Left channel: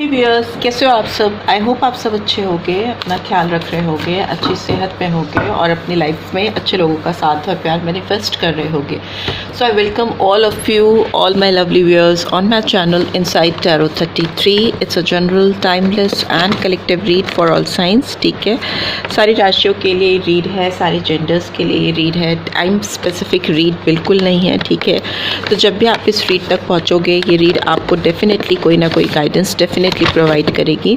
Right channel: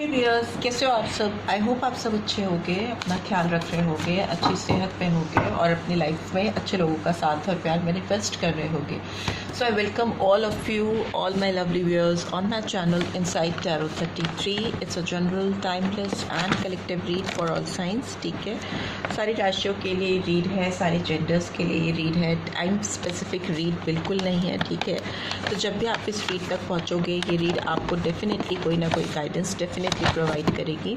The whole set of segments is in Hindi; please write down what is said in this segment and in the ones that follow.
हे व्यूअर्स, कैसे हो आप सब। आई होप आप सब अच्छे होंगे, अपना ख्याल रख रहे होंगे, अच्छी सेहत में होंगे और अपनी लाइफ में अच्छे लोगों का साथ और प्यार मैनिफेस्ट कर रहे होंगे। So I welcome all of you, all my lovely viewers on my channel inside tarot 33। It's a general timeless and collective read for all signs. ठीक है, सारी राशियों के लिए रीड है, सारे जेंडर्स के लिए रीड है, टाइम स्पेसिफिक रीड बिल्कुल नहीं है। ठीक है, तो जब भी आप इस रीड तक पहुँचोगे, ये रीड आपको डेफिनेटली कोई ना कोई गाइडेंस डेफिनेटली प्रोवाइड करेगी।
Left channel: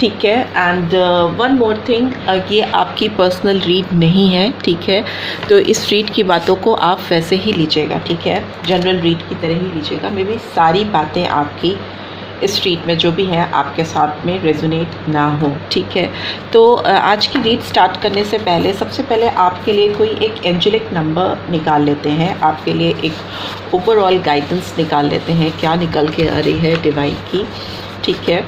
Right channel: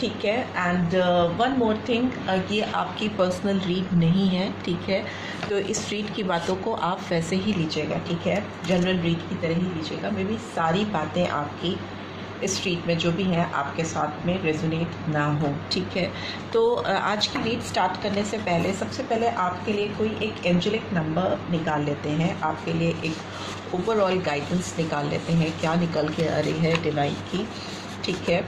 ठीक है, एंड वन मोर थिंग, ये आपकी पर्सनल रीड नहीं है। ठीक है, तो इस रीड की बातों को आप वैसे ही लीजिएगा। ठीक है, जनरल रीड की तरह ही लीजिएगा। मे बी सारी बातें आपकी इस रीड में जो भी हैं आपके साथ में रेजोनेट ना हो। ठीक है, तो आज की रीड स्टार्ट करने से पहले सबसे पहले आपके लिए कोई एक एंजेलिक नंबर निकाल लेते हैं, आपके लिए एक ओवरऑल गाइडेंस निकाल लेते हैं, क्या निकल के आ रही है डिवाइन की। ठीक है,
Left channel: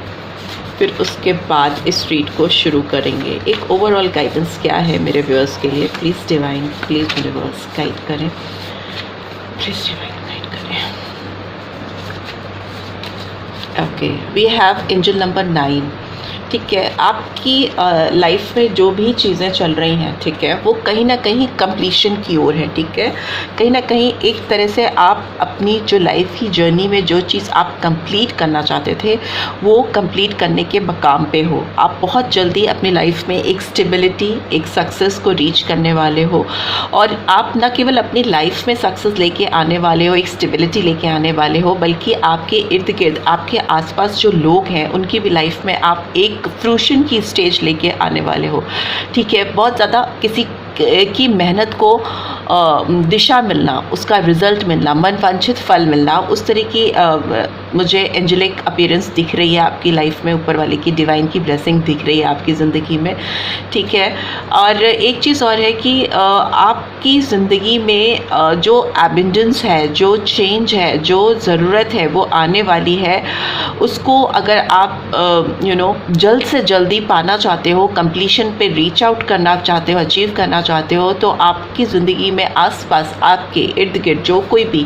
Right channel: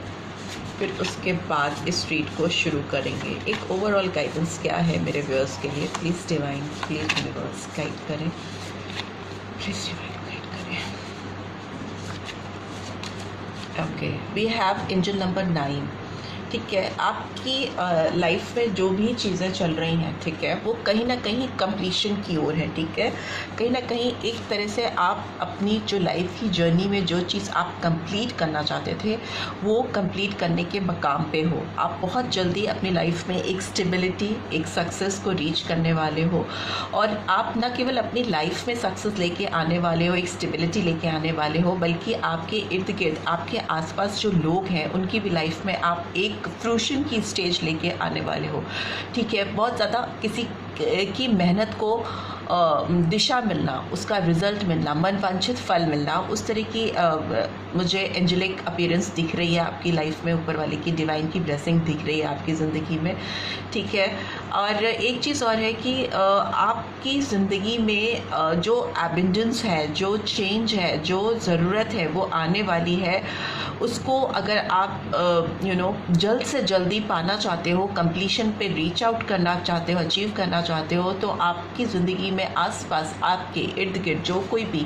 फिर उसके बाद इस रीड को शुरू करेंगे। एक ओवरऑल गाइडेंस क्या है मेरे व्यूअर्स के लिए, please divine, please universe guide करें, प्लीज़ डिवाइन गाइड करें। Okay, we have angel number 9। ठीक है, आपकी लाइफ में जो भी चीज़ें चल रही हैं, ठीक है, वो कहीं ना कहीं कंप्लीशन की ओर है। ठीक है, कहीं ना कहीं एक तरह से आप अपनी जो लाइफ की जर्नी में जो चीज़ आप कंप्लीट करना चाहते थे वो कंप्लीट करने के मकाम पे हो। आप बहुत जल्दी अपनी लाइफ में एक स्टेबिलिटी, एक सक्सेस को रीच करने वाले हो, और आप न केवल अपनी लाइफ में सक्सेस लेके आने वाले हो, एक स्टेबिलिटी लेके आने वाले हो, बल्कि आपके इर्द गिर्द, आपके आसपास जो लोग हैं उनकी भी लाइफ में आप एक फ्रूशन की स्टेज लेके आने वाले हो। ठीक है, बहुत ज़्यादा किसी की मेहनत को दिशा मिलना, उसका रिज़ल्ट मिलना, मनवांछित फल मिलना, उस तरह की मुझे एंजेलिक अपीयरेंस दिख रही है आपकी लाइफ में। ऊपर वाले की डिवाइन की ब्लेसिंग दिख रही है आपकी ज़िंदगी में। ठीक है, और एक चीज़ और है कि आपकी ज़िंदगी में जो एबंडेंस है, जो चेंज है, जो ज़रूरत है वो आने वाली है। उसको अगर आप जल्द से जल्दी पाना चाहते हो, कंप्लीशन पे रीच आउट करना चाहते हो, अचीव करना चाहते हो, तो आपकी ज़िंदगी में आसपास आपके इर्द गिर्द जो कोई भी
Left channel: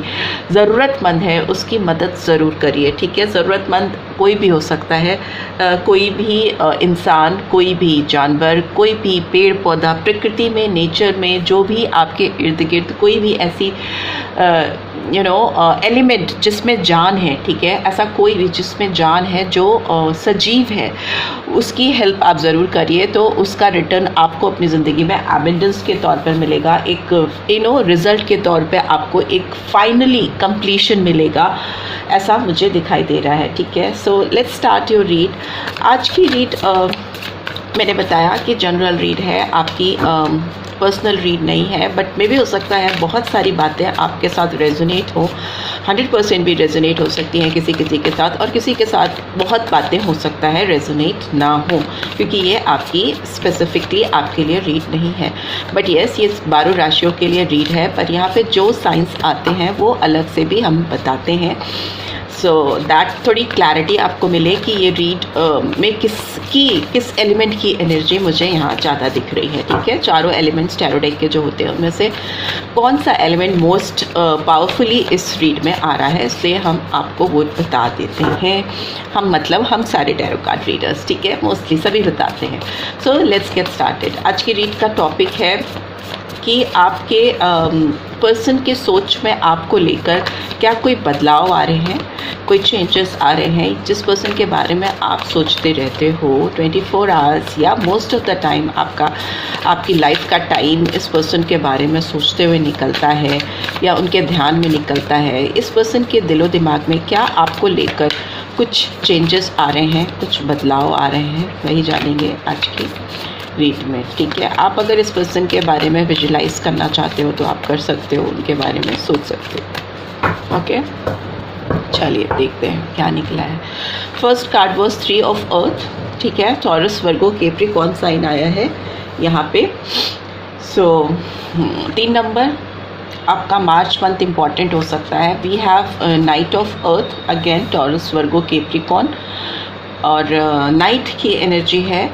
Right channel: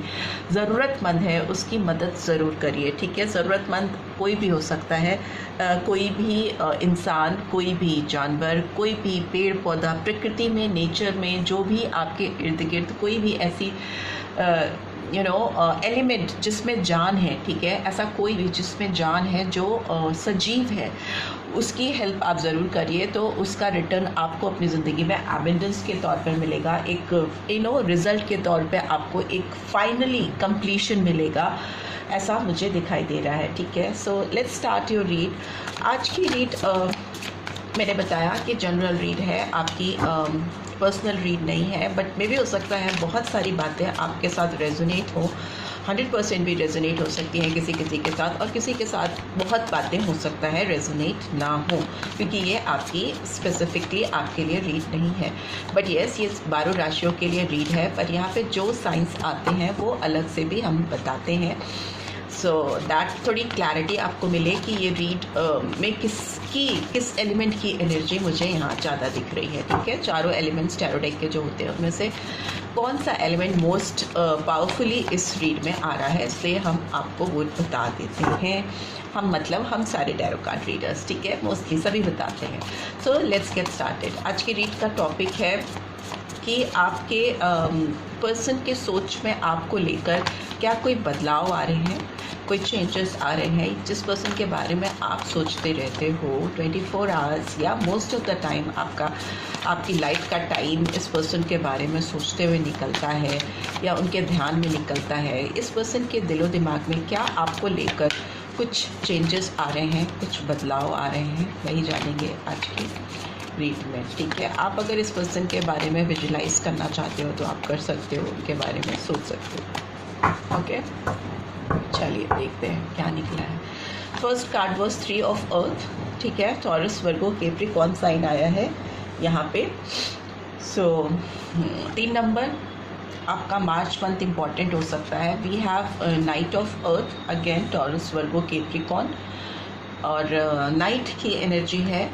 ज़रूरतमंद है उसकी मदद ज़रूर करिए। ठीक है, ज़रूरतमंद कोई भी हो सकता है, कोई भी इंसान, कोई भी जानवर, कोई भी पेड़ पौधा, प्रकृति में, नेचर में, जो भी आपके इर्द गिर्द कोई भी ऐसी एलिमेंट जिसमें जान है। ठीक है, ऐसा कोई भी जिसमें जान है, जो सजीव है, उसकी हेल्प आप ज़रूर करिए। तो उसका रिटर्न आपको अपनी ज़िंदगी में एबंडेंस के तौर पर मिलेगा, एक रिज़ल्ट के तौर पे आपको एक फाइनली कंप्लीशन मिलेगा, ऐसा मुझे दिखाई दे रहा है। ठीक है, so let's start your read. आज की रीड मैंने बताया कि जनरल रीड है, आपकी पर्सनल रीड नहीं है, बट मे भी हो सकता है बहुत सारी बातें आपके साथ रेजोनेट हो। 100% भी रेजोनेट हो सकती हैं किसी किसी के साथ, और किसी के साथ बहुत बातें हो सकता है रेजोनेट ना हो, क्योंकि ये आपकी स्पेसिफिकली आपके लिए रीड नहीं है। बट येस, ये 12 राशियों के लिए रीड है, पर यहाँ पे जो साइंस आते हैं वो अलग से भी हम बताते हैं, सो दैट थोड़ी क्लैरिटी आपको मिले कि ये रीड में किस एलिमेंट की एनर्जी मुझे यहाँ ज़्यादा दिख रही है। ठीक है, चारों एलिमेंट्स टैरो डेक के जो होते हैं उनमें से कौन सा एलिमेंट मोस्ट पावरफुली इस रीड में आ रहा है, इसलिए हम आपको वो बता देते हैं। हम सारे टैरो कार्ड रीडर्स, ठीक है, मोस्टली सभी बताते हैं। So let's get started. आज की रीड का टॉपिक है कि आपके पर्सन के सोच में आपको लेकर क्या कोई बदलाव आ रहे हैं, कोई चेंजेस आ रहे हैं। जिस पर्सन के बारे में आप सोचते रहते हो 24 आवर्स या मोस्ट ऑफ द टाइम, आपकी लाइफ का टाइम इस पर्सन के बारे में सोचते हुए निकलता है या उनके ध्यान में निकलता है। इस पर्सन के दिलो दिमाग में क्या आपको लेकर कुछ चेंजेस आ रहे हैं, कुछ बदलाव आ रहे हैं, वही जानेंगे आज की रीड में। ठीक है, आप अगर इस पर्सन के बारे में विजुलाइज करना चाहते हो तो आप कर सकते हो, उनके बारे में सोच सकते हो। ओके, चलिए देखते हैं क्या निकला है। First card was 3 of earth. ठीक है, टॉरस, वर्गो, कैप्रिकॉर्न साइन आया है यहाँ पे। सो 3 नंबर आपका मार्च मंथ इम्पॉर्टेंट हो सकता है। We have knight of earth, again Taurus, Virgo, Capricorn, और नाइट की एनर्जी है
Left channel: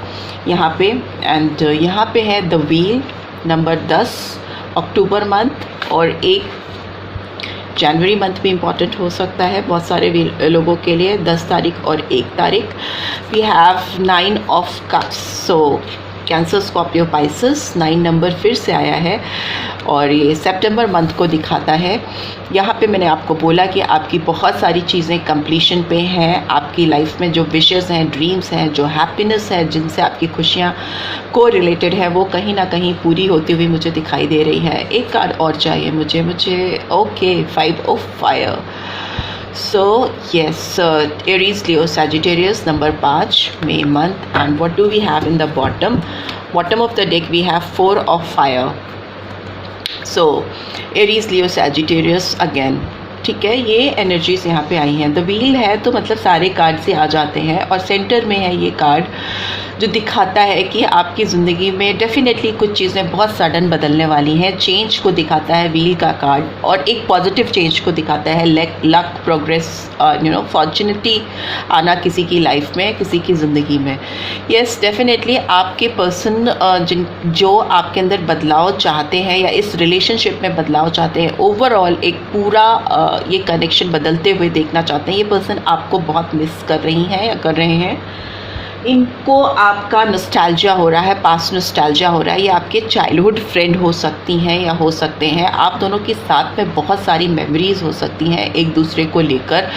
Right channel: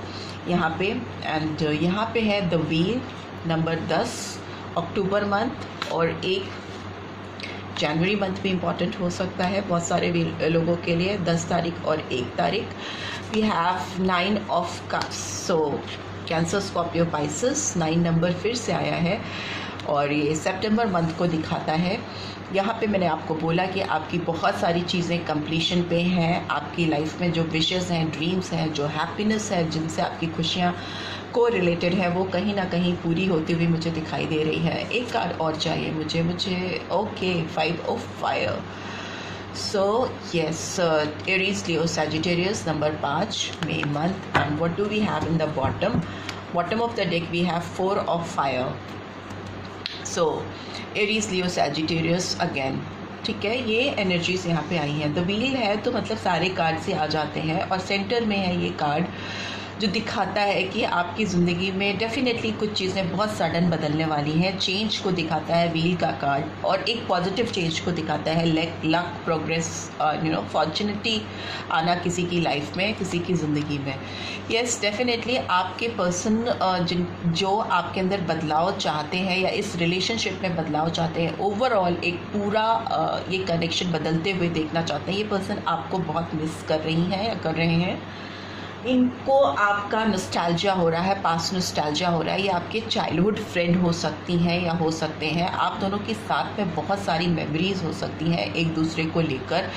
यहाँ पे। एंड यहाँ पे है the wheel, number 10, October month, और एक जनवरी मंथ भी इम्पॉर्टेंट हो सकता है बहुत सारे लोगों के लिए, 10 तारीख और 1 तारीख। We have 9 of cups, so Cancer, Scorpio, Pisces, 9 number फिर से आया है और ये सितंबर मंथ को दिखाता है। यहाँ पे मैंने आपको बोला कि आपकी बहुत सारी चीज़ें कंप्लीशन पे हैं, आपकी लाइफ में जो विशेस हैं, ड्रीम्स हैं, जो हैप्पीनेस है, जिनसे आपकी खुशियाँ को रिलेटेड है, वो कहीं ना कहीं पूरी होती हुई मुझे दिखाई दे रही है। एक कार्ड और चाहिए मुझे okay, 5 of fire. So yes, Aries, Leo, Sagittarius, number 5, May month. And what do we have in the bottom? Bottom of the deck we have 4 of fire. So Aries, Leo, Sagittarius again. ठीक है, ये एनर्जीज यहाँ पे आई हैं। द व्हील है तो मतलब सारे कार्ड से आ जाते हैं और सेंटर में है ये कार्ड जो दिखाता है कि आपकी ज़िंदगी में डेफिनेटली कुछ चीज़ें बहुत सडन बदलने वाली हैं। चेंज को दिखाता है व्हील का कार्ड और एक पॉजिटिव चेंज को दिखाता है, लक, प्रोग्रेस, फॉर्चुनिटी आना किसी की लाइफ में, किसी की ज़िंदगी में। यस, डेफिनेटली आपके पर्सन जो आपके अंदर बदलाव चाहते हैं या इस रिलेशनशिप में बदलाव चाहते हैं, ओवरऑल एक पूरा ये कनेक्शन बदलते हुए देखना चाहते हैं। ये पर्सन आपको बहुत मिस कर रही हैं या कर रहे हैं। इनको आपका नॉस्टैल्जिया हो रहा है, पास्ट नॉस्टैल्जिया हो रहा है। ये आपके चाइल्डहुड फ्रेंड हो सकती हैं या हो सकते हैं। आप दोनों के साथ में बहुत सारी मेमोरीज़ हो सकती हैं एक दूसरे को लेकर,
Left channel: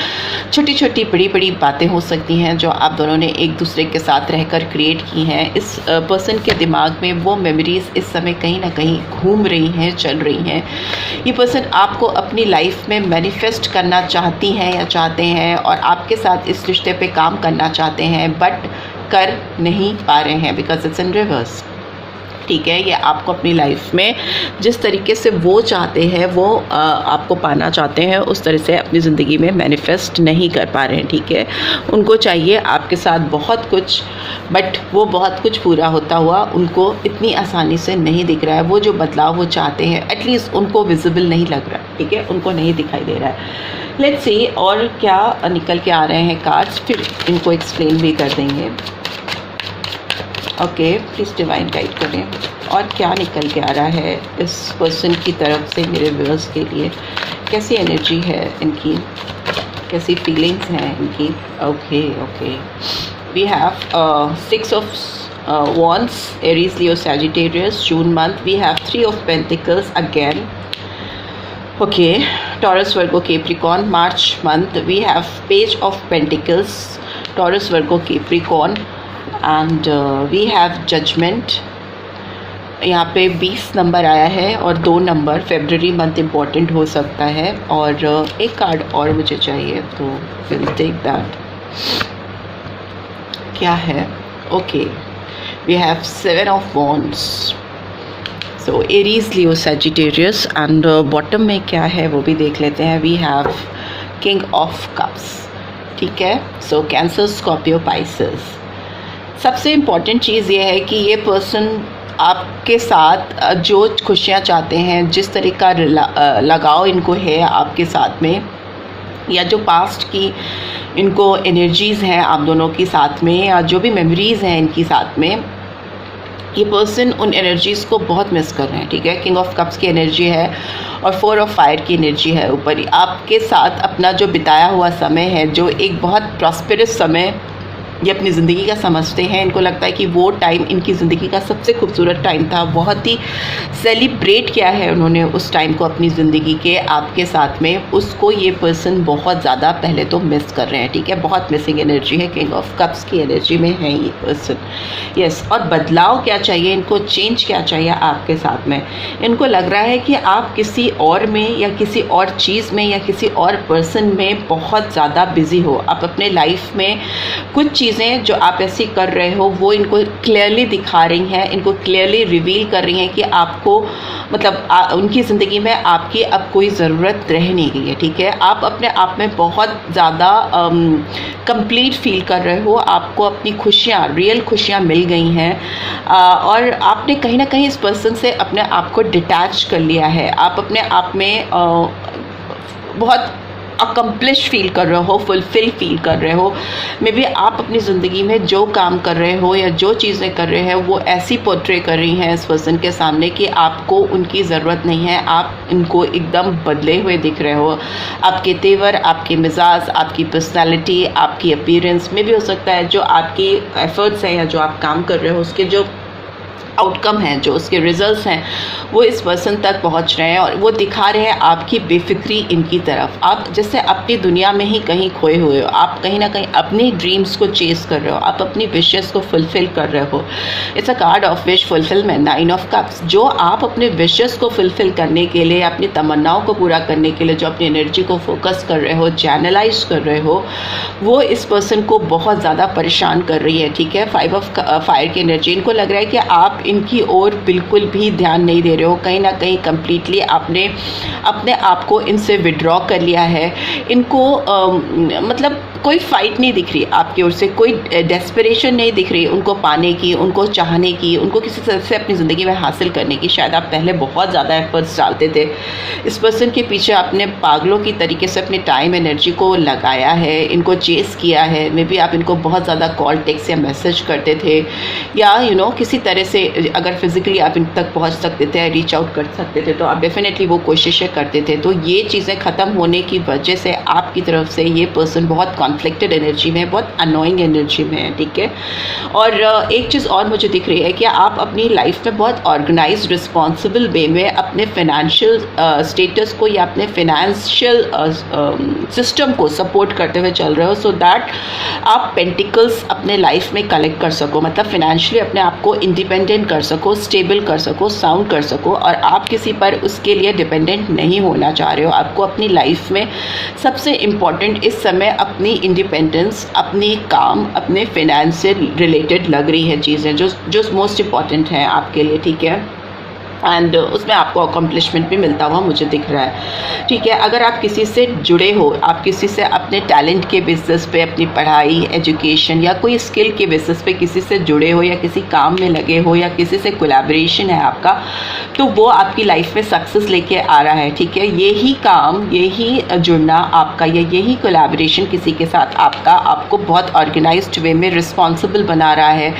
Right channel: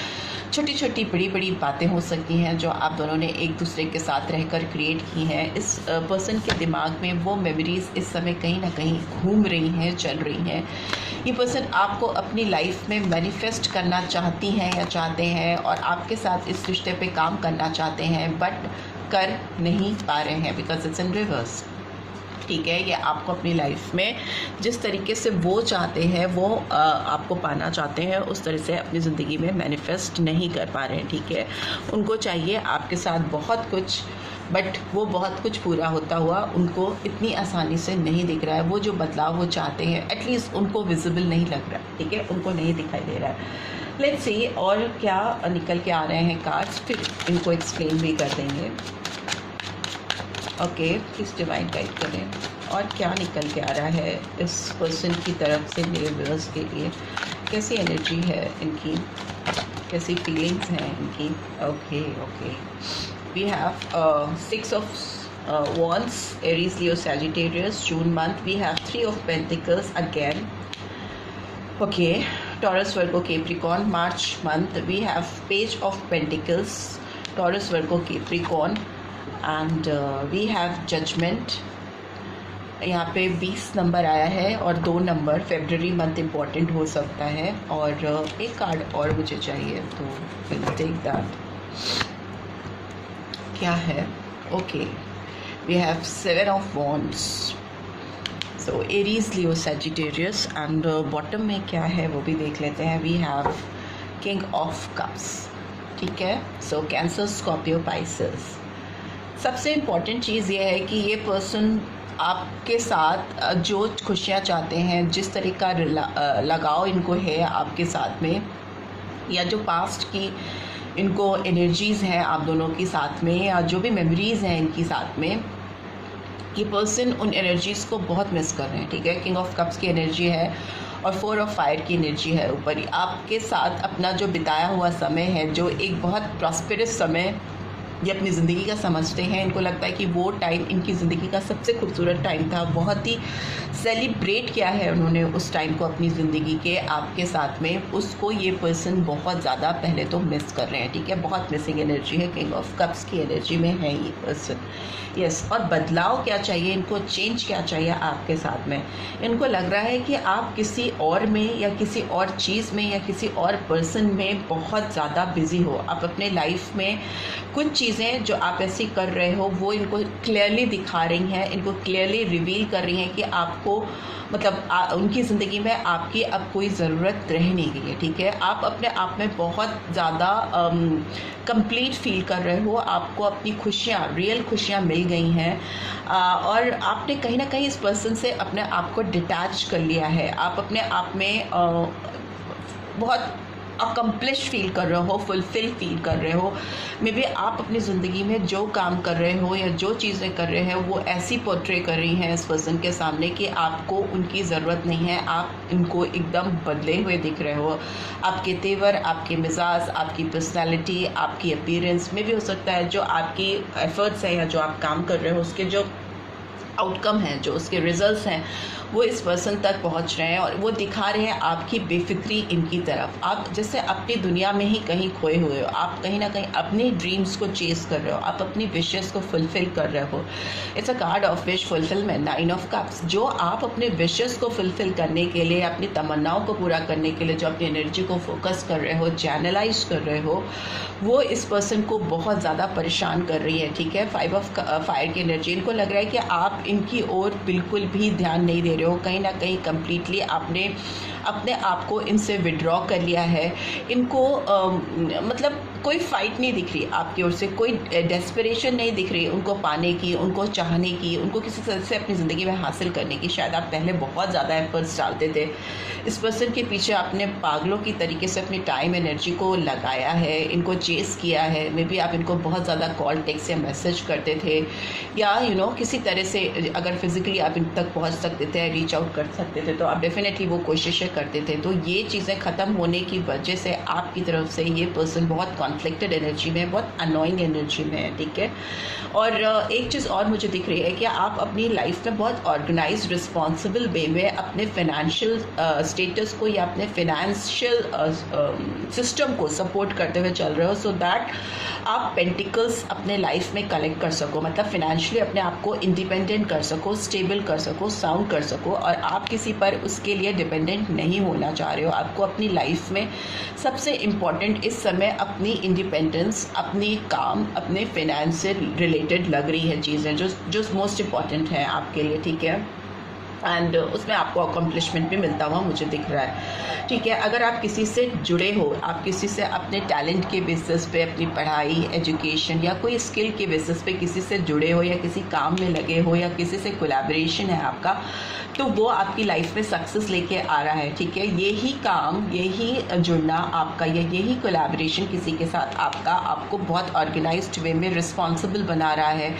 छोटी छोटी बड़ी बड़ी बातें हो सकती हैं जो आप दोनों ने एक दूसरे के साथ रहकर क्रिएट की हैं। इस पर्सन के दिमाग में वो मेमोरीज़ इस समय कहीं ना कहीं घूम रही हैं, चल रही हैं। ये पर्सन आपको अपनी लाइफ में मैनिफेस्ट करना चाहती हैं या चाहते हैं और आपके साथ इस रिश्ते पे काम करना चाहते हैं, बट कर नहीं पा रहे हैं बिकॉज इट्स इन रिवर्स। ठीक है, ये आपको अपनी लाइफ में जिस तरीके से वो चाहते हैं, वो आपको पाना चाहते हैं, उस तरह से अपनी ज़िंदगी में मैनिफेस्ट नहीं कर पा रहे हैं। ठीक है, उनको चाहिए आपके साथ बहुत कुछ, बट वो बहुत कुछ पूरा होता हुआ उनको इतनी आसानी से नहीं दिख रहा है। वो जो बदलाव वो चाहते हैं एटलीस्ट उनको विजिबल नहीं लग रहा है। ठीक है, उनको नहीं दिखाई दे रहा है। लेट्स सी और क्या निकल के आ रहे हैं कार्ड्स, फिर इनको एक्सप्लेन भी कर देंगे। ओके, प्लीज़ डिवाइन गाइड करें और क्या निकल के आ रहा है इस पर्सन की तरफ से मेरे व्यूअर्स के लिए। कैसी एनर्जी है इनकी, कैसी फीलिंग्स हैं इनकी। Okay, we have 6 of wands, Aries, Leo, Sagittarius, June month. We have 3 of Pentacles again. Okay, Taurus, Virgo, Capricorn, March month. We have Page of Pentacles, Taurus, Virgo, Capricorn. And we have judgement. यहाँ पे 20 नंबर आया है और 2 नंबर फरवरी मंथ इम्पॉर्टेंट हो सकता है। और एक कार्ड और मुझे चाहिए तो विल टेक दैट। क्या है? Okay, we have 7 of wands. So Aries, Leo, Sagittarius and bottom में क्या है वो भी देख लेते हैं। We have king of cups. ठीक है, सो कैंसर, स्कॉर्पियो, पाइसेस। सबसे इम्पॉर्टेंट चीज़ ये है कि ये पर्सन आपके साथ जो खुशियाँ चाहते हैं, जिस तरह का लगाव इनको है आपके साथ में, या जो पास्ट की इनको एनर्जीज़ हैं आप दोनों के साथ में, या जो भी मेमोरीज़ हैं इनकी साथ में, ये पर्सन उन एनर्जीज़ को बहुत मिस कर रहे हैं। ठीक है, किंग ऑफ कप्स की एनर्जी है और 4 ऑफ फायर की एनर्जी है ऊपर ही। आपके साथ अपना जो बिताया हुआ समय है, जो एक बहुत प्रॉस्पेरस समय ये अपनी ज़िंदगी का समझते हैं, इनको लगता है कि वो टाइम इनकी ज़िंदगी का सबसे खूबसूरत टाइम था, बहुत ही सेलिब्रेट किया है उन्होंने उस टाइम को अपनी ज़िंदगी के आपके साथ में। उसको ये पर्सन बहुत ज़्यादा पहले तो मिस कर रहे हैं। ठीक है, बहुत मिसिंग एनर्जी है, किंग ऑफ कप्स की एनर्जी में है ये पर्सन। यस, और बदलाव क्या चाहिए इनको, चेंज क्या चाहिए आपके साथ में। इनको लग रहा है कि आप किसी और में या किसी और चीज़ में या किसी और पर्सन में बहुत ज़्यादा बिज़ी हो। आप अपने लाइफ में कुछ चीज़ें जो आप ऐसी कर रहे हो वो इनको क्लियरली दिखा रही हैं, इनको क्लियरली रिवील कर रही हैं कि आपको मतलब उनकी ज़िंदगी में आपकी अब कोई ज़रूरत रह नहीं गई है। ठीक है, आप अपने आप में बहुत ज़्यादा कंप्लीट फील कर रहे हो, आपको अपनी खुशियाँ, रियल खुशियाँ मिल गई हैं और आपने कहीं ना कहीं इस पर्सन से अपने आप को डिटैच कर लिया है। आप अपने आप में बहुत अकम्प्लिश फील कर रहे हो, फुलफिल फील कर रहे हो। मे बी आप अपनी ज़िंदगी में जो काम कर रहे हो या जो चीज़ें कर रहे हैं वो ऐसी पोर्ट्रे कर रही हैं इस पर्सन के सामने कि आपको उनकी ज़रूरत नहीं है, आप इनको एकदम बदले हुए दिख रहे हो। आपके तेवर, आपके मिजाज, आपकी पर्सनैलिटी, आपकी अपीयरेंस में भी हो सकता है जो आपकी एफर्ट्स हैं या जो आप काम कर रहे हो उसके जो आउटकम हैं, जो उसके रिजल्ट्स हैं, वो इस पर्सन तक पहुंच रहे हैं और वो दिखा रहे हैं आपकी बेफिक्री इनकी तरफ। आप जैसे अपनी दुनिया में ही कहीं खोए हुए हो, आप कहीं ना कहीं अपनी ड्रीम्स को चेस कर रहे हो, आप अपनी विशेस को फुलफिल कर रहे हो। It's a card of wish fulfilment, 9 of cups. जो आप अपने विशेस को फुलफिल करने के लिए, अपनी तमन्नाओं को पूरा करने के लिए जो अपनी एनर्जी को फोकस कर रहे हो, चैनलाइज कर रहे हो, वो इस पर्सन को बहुत ज़्यादा परेशान कर रही है। ठीक है, 5 ऑफ फायर की एनर्जी, इनको लग रहा है कि आप इनकी ओर बिल्कुल भी ध्यान नहीं दे रहे हो, कहीं ना कहीं कम्प्लीटली आपने अपने आप को इनसे विड्रॉ कर लिया है। इनको मतलब कोई फाइट नहीं दिख रही आपकी ओर से, कोई डेस्परेशन नहीं दिख रही उनको पाने की, उनको चाहने की, उनको किसी तरह से अपनी ज़िंदगी में हासिल करने की। शायद आप पहले बहुत ज़्यादा एफर्ट्स डालते थे, इस पर्सन के पीछे आपने पागलों की तरीके से अपनी टाइम एनर्जी को लगाया है, इनको चेस किया है। मे बी आप इनको बहुत ज़्यादा कॉल, टेक्स्ट या मैसेज करते थे, या किसी तरह से अगर फिज़िकली आप इन तक पहुंच सकते थे, रीच आउट कर सकते थे, तो आप डेफिनेटली वो कोशिशें करते थे। तो ये चीज़ें ख़त्म होने की वजह से आपकी तरफ से ये पर्सन बहुत कॉन्फ्लिक्टेड एनर्जी में, बहुत अनोइंग एनर्जी में है। ठीक है, और एक चीज़ और मुझे दिख रही है कि आप अपनी लाइफ में बहुत ऑर्गेनाइज, रिस्पॉन्सिबल वे में अपने फाइनेंशियल स्टेटस को या अपने फाइनेंशियल सिस्टम को सपोर्ट करते हुए चल रहे हो, सो दैट आप पेंटिकल्स अपने लाइफ में कलेक्ट कर सको, मतलब फाइनेंशियली अपने आप को इंडिपेंडेंट कर सको, स्टेबल कर सको, साउंड कर सको, और आप किसी पर उसके लिए डिपेंडेंट नहीं होना चाह रहे हो। आपको अपनी लाइफ में सबसे इम्पॉर्टेंट इस समय अपनी इंडिपेंडेंस, अपनी काम, अपने फाइनेंस से रिलेटेड लग रही है चीज़ें जो मोस्ट इम्पॉर्टेंट हैं आपके लिए। ठीक है, एंड उसमें आपको अकम्पलिशमेंट भी मिलता हुआ मुझे दिख रहा है। ठीक है, अगर आप किसी से जुड़े हो, आप किसी से अपने टैलेंट के बेसिस पे, अपनी पढ़ाई, एजुकेशन या कोई स्किल के बेसिस पे किसी से जुड़े हो, या किसी काम में लगे हो, या किसी से कोलैबोरेशन है आपका, तो वो आपकी लाइफ में सक्सेस लेके आ रहा है। ठीक है, यही काम, यही जुड़ना आपका, या यही कोलैबोरेशन किसी के साथ आपका, आपको बहुत ऑर्गेनाइज्ड वे में रिस्पॉन्सिबल बना रहा है,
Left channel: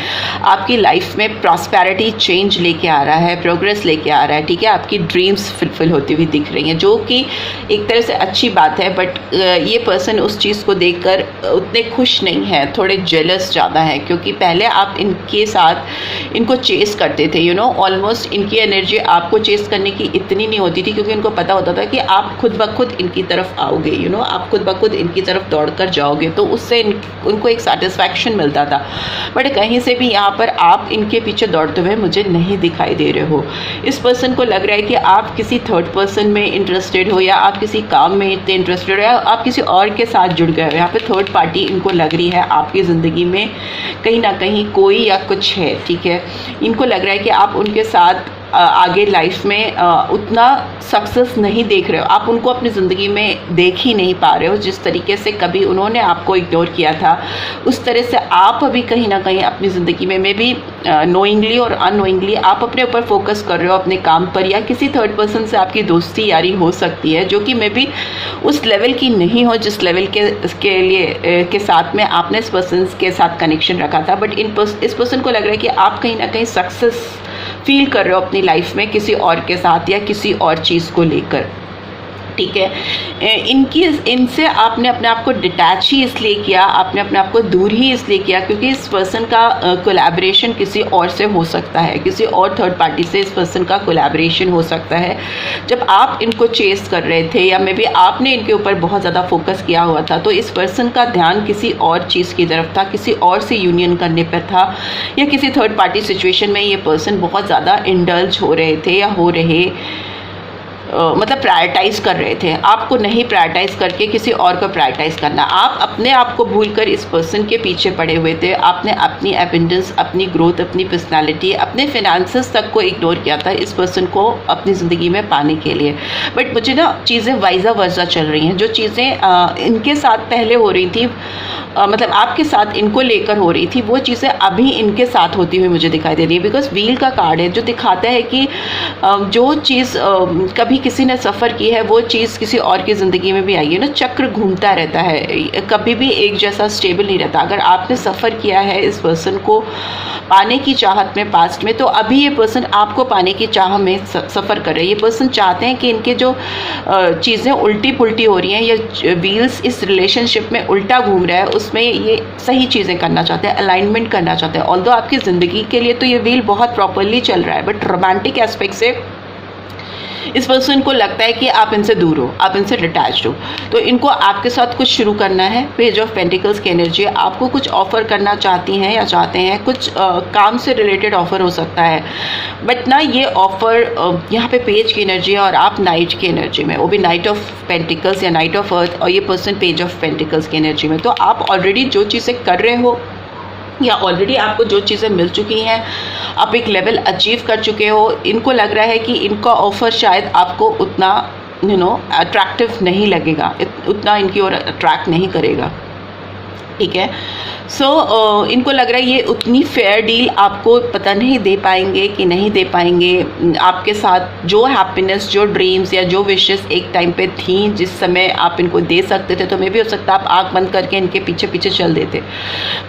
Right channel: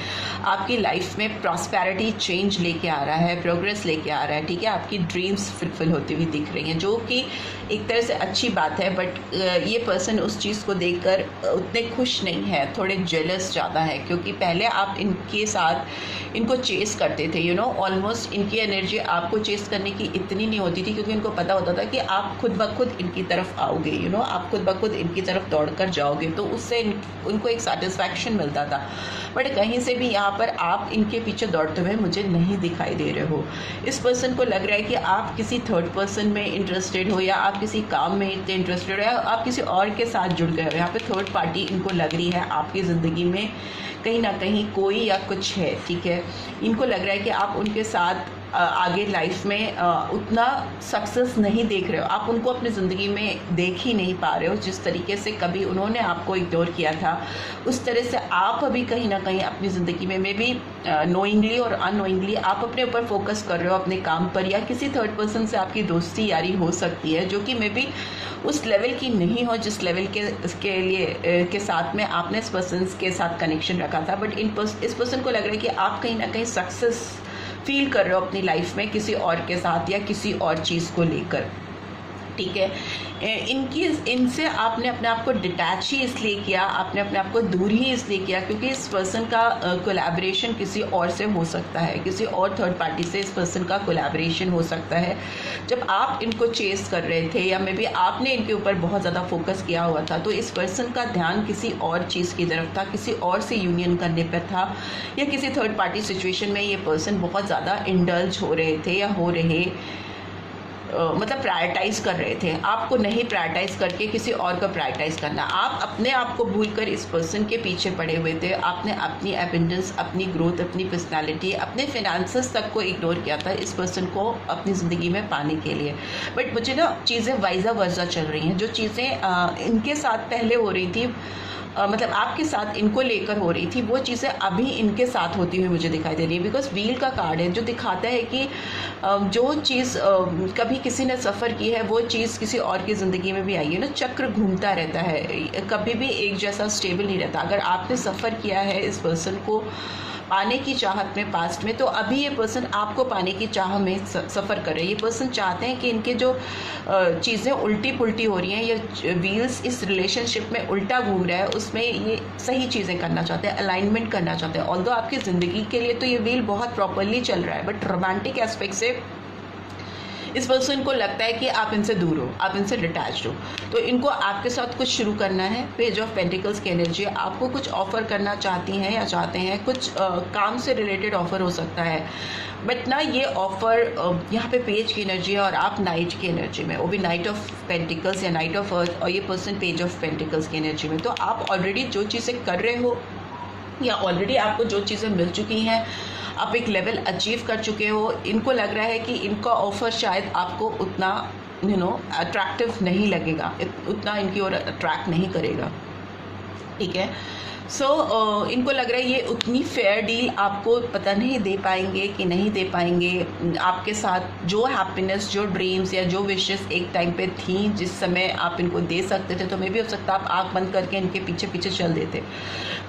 आपकी लाइफ में प्रॉस्पेरिटी, चेंज लेके आ रहा है, प्रोग्रेस लेके आ रहा है। ठीक है, आपकी ड्रीम्स फुलफिल होती हुई दिख रही हैं, जो कि एक तरह से अच्छी बात है। बट ये पर्सन उस चीज़ को देखकर उतने खुश नहीं है, थोड़े जेलस ज़्यादा है, क्योंकि पहले आप इनके साथ इनको चेस करते थे, ऑलमोस्ट इनकी एनर्जी आपको चेस करने की इतनी नहीं होती थी, क्योंकि इनको पता होता था कि आप खुद ब खुद इनकी तरफ आओगे, आप खुद ब खुद इनकी तरफ दौड़ कर जाओगे, तो उससे उनको एक सेटिस्फैक्शन मिलता था। बट कहीं से भी यहाँ पर आप इनके पीछे दौड़ते हुए मुझे नहीं दिखाई दे रहे हो। इस पर्सन को लग रहा है कि आप किसी थर्ड पर्सन में इंटरेस्टेड हो, या आप किसी काम में इतने इंटरेस्टेड हो, या आप किसी और के साथ जुड़ गए हो। यहाँ पे थर्ड पार्टी इनको लग रही है आपकी ज़िंदगी में कहीं ना कहीं कोई या कुछ है। ठीक है, इनको लग रहा है कि आप उनके साथ आगे लाइफ में उतना सक्सेस नहीं देख रहे हो, आप उनको अपनी ज़िंदगी में देख ही नहीं पा रहे हो। जिस तरीके से कभी उन्होंने आपको इग्नोर किया था, उस तरह से आप अभी कहीं ना कहीं अपनी ज़िंदगी में मे बी नोइंगली और अननोइंगली आप अपने ऊपर फोकस कर रहे हो, अपने काम पर, या किसी थर्ड पर्सन से आपकी दोस्ती यारी हो सकती है, जो कि मे बी उस लेवल की नहीं हो जिस लेवल के लिए के साथ में आपने इस पर्सन के साथ कनेक्शन रखा था। बट इस पर्सन को लग रहा है कि आप कहीं ना कहीं सक्सेस फील कर रहे हो अपनी लाइफ में किसी और के साथ या किसी और चीज़ को लेकर। ठीक है, इनसे आपने अपने आप को डिटैच ही इसलिए किया, आपने अपने आप को दूर ही इसलिए किया क्योंकि इस पर्सन का कोलैबोरेशन किसी और से हो सकता है, किसी और थर्ड पार्टी से इस पर्सन का कोलैबोरेशन हो सकता है। जब आप इनको चेस कर रहे थे या मे बी आपने इनके ऊपर बहुत ज़्यादा फोकस किया हुआ था, तो इस पर्सन का ध्यान किसी और चीज़ की तरफ था, किसी और से यूनियन करने पर था, या किसी थर्ड पार्टी सिचुएशन में ये पर्सन बहुत ज़्यादा इंडल्ज हो रहे थे या हो रहे मतलब प्रायोरिटाइज़ कर रहे थे। आपको नहीं प्रायोरिटाइज़ करके किसी और को प्रायोरिटाइज़ करना, आप अपने आप को भूलकर इस पर्सन के पीछे पड़े हुए थे। आपने अपनी एबिंडेंस, अपनी ग्रोथ, अपनी पर्सनालिटी, अपने फिनेंसेस तक को इग्नोर किया था इस पर्सन को अपनी ज़िंदगी में पाने के लिए। बट मुझे ना चीज़ें वाइजा वर्जा चल रही हैं, जो चीज़ें इनके साथ पहले हो रही थी मतलब आपके साथ इनको लेकर हो रही थी, वो चीज़ें अभी इनके साथ होती हुई मुझे दिखाई दे रही है। बिकॉज व्हील का कार्ड है जो दिखाता है कि जो चीज़ कभी किसी ने सफ़र की है वो चीज़ किसी और की ज़िंदगी में भी आई है ना। चक्र घूमता रहता है, कभी भी एक जैसा स्टेबल नहीं रहता। अगर आपने सफ़र किया है इस पर्सन को पाने की चाहत में पास्ट में, तो अभी ये पर्सन आपको पाने की चाह में सफ़र कर रहे हैं। ये पर्सन चाहते हैं कि इनके जो चीज़ें उल्टी पुल्टी हो रही हैं, ये व्हील्स इस रिलेशनशिप में उल्टा घूम रहा है, उसमें ये सही चीज़ें करना चाहते हैं, अलाइनमेंट करना चाहते हैं। ऑल्दो आपकी ज़िंदगी के लिए तो ये व्हील बहुत प्रॉपरली चल रहा है, बट रोमांटिक एस्पेक्ट से इस पर्सन को लगता है कि आप इनसे दूर हो, आप इनसे डिटैच्ड हो। तो इनको आपके साथ कुछ शुरू करना है। पेज ऑफ पेंटिकल्स की एनर्जी आपको कुछ ऑफ़र करना चाहती हैं या चाहते हैं, कुछ काम से रिलेटेड ऑफ़र हो सकता है। बट ना ये ऑफ़र यहाँ पे पेज की एनर्जी है और आप नाइट की एनर्जी में, वो भी नाइट ऑफ पेंटिकल्स या नाइट ऑफ अर्थ, और ये पर्सन पेज ऑफ पेंटिकल्स की एनर्जी में। तो आप ऑलरेडी जो चीज़ें कर रहे हो या ऑलरेडी आपको जो चीज़ें मिल चुकी हैं, आप एक लेवल अचीव कर चुके हो, इनको लग रहा है कि इनका ऑफ़र शायद आपको उतना अट्रैक्टिव नहीं लगेगा, उतना इनकी ओर अट्रैक्ट नहीं करेगा, ठीक है। सो इनको लग रहा है ये उतनी फेयर डील आपको पता नहीं दे पाएंगे कि नहीं दे पाएंगे। आपके साथ जो हैप्पीनेस, जो ड्रीम्स या जो विशेस एक टाइम पे थी जिस समय आप इनको दे सकते थे, तो मे भी हो सकता है आप आँख बंद करके इनके पीछे पीछे चल देते।